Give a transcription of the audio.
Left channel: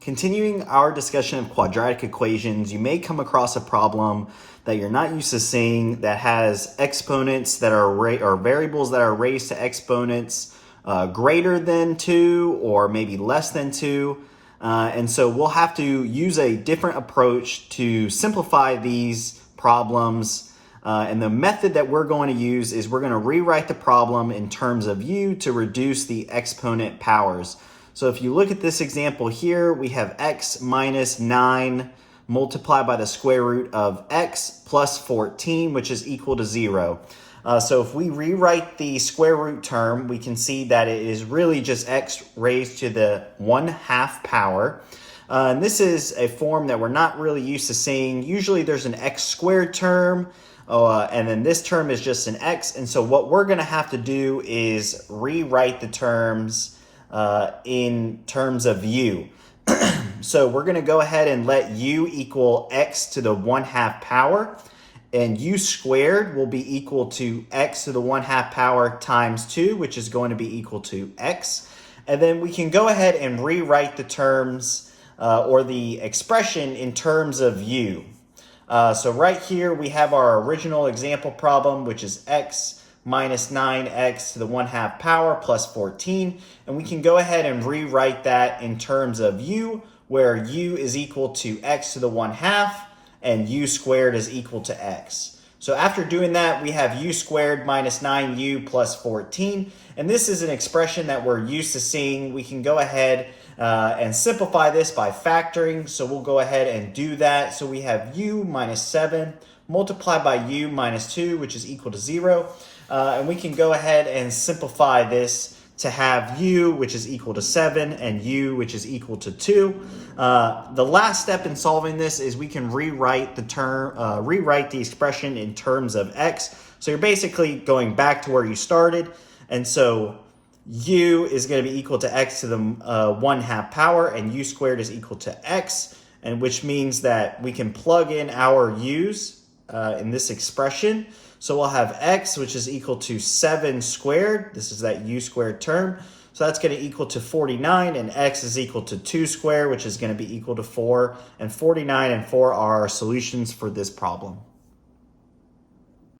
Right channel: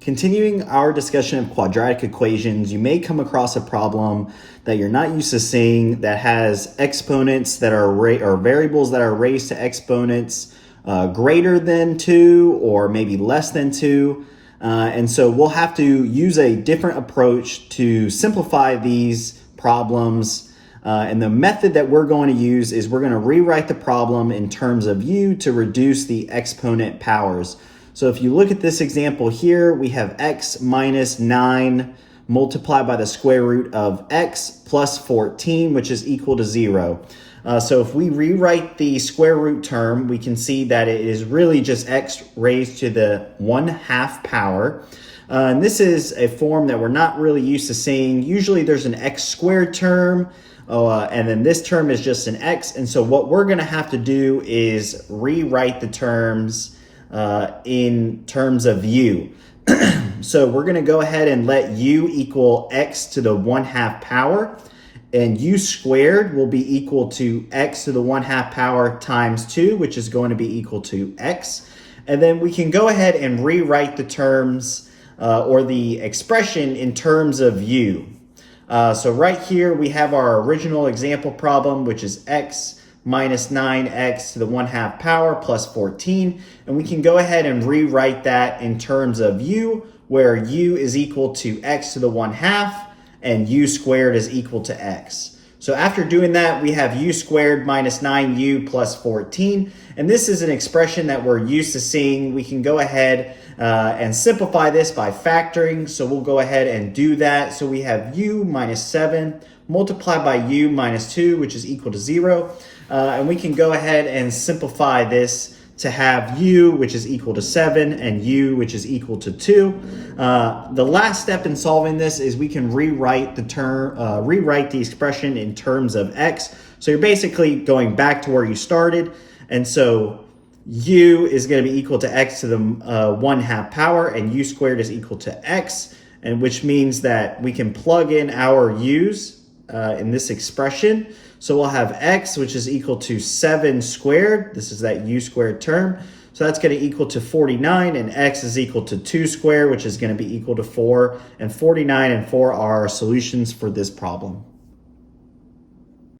Continuing our discussion of quadratic equations, you may come across a problem that you're not used to seeing that has exponents that are or variables that are raised to exponents greater than 2 or maybe less than 2. And so we'll have to use a different approach to simplify these problems. And the method that we're going to use is we're going to rewrite the problem in terms of u to reduce the exponent powers. So if you look at this example here, we have x minus 9 multiplied by the square root of x plus 14, which is equal to 0. So if we rewrite the square root term, we can see that it is really just x raised to the 1/2 power. And this is a form that we're not really used to seeing. Usually there's an x squared term, and then this term is just an x. And so what we're going to have to do is rewrite the terms in terms of u. So we're going to go ahead and let u equal x to the 1/2 power, and u squared will be equal to x to the 1/2 power times 2, which is going to be equal to x. And then we can go ahead and rewrite the terms or the expression in terms of u. So right here we have our original example problem, which is x minus 9x to the 1/2 power plus 14. And we can go ahead and rewrite that in terms of u, where u is equal to x to the 1/2 and u squared is equal to x. So after doing that, we have u squared minus 9u plus 14. And this is an expression that we're used to seeing. We can go ahead and simplify this by factoring. So we'll go ahead and do that. So we have u minus 7 multiplied by u minus 2, which is equal to 0. And we can go ahead and simplify this to have u, which is equal to 7, and u, which is equal to 2. The last step in solving this is we can rewrite the expression in terms of x. So you're basically going back to where you started. And so u is going to be equal to x to the 1/2 power, and u squared is equal to x, and which means that we can plug in our u's in this expression. So we'll have x, which is equal to 7 squared. This is that u squared term. So that's going to equal to 49, and x is equal to 2 squared, which is going to be equal to 4. And 49 and 4 are our solutions for this problem.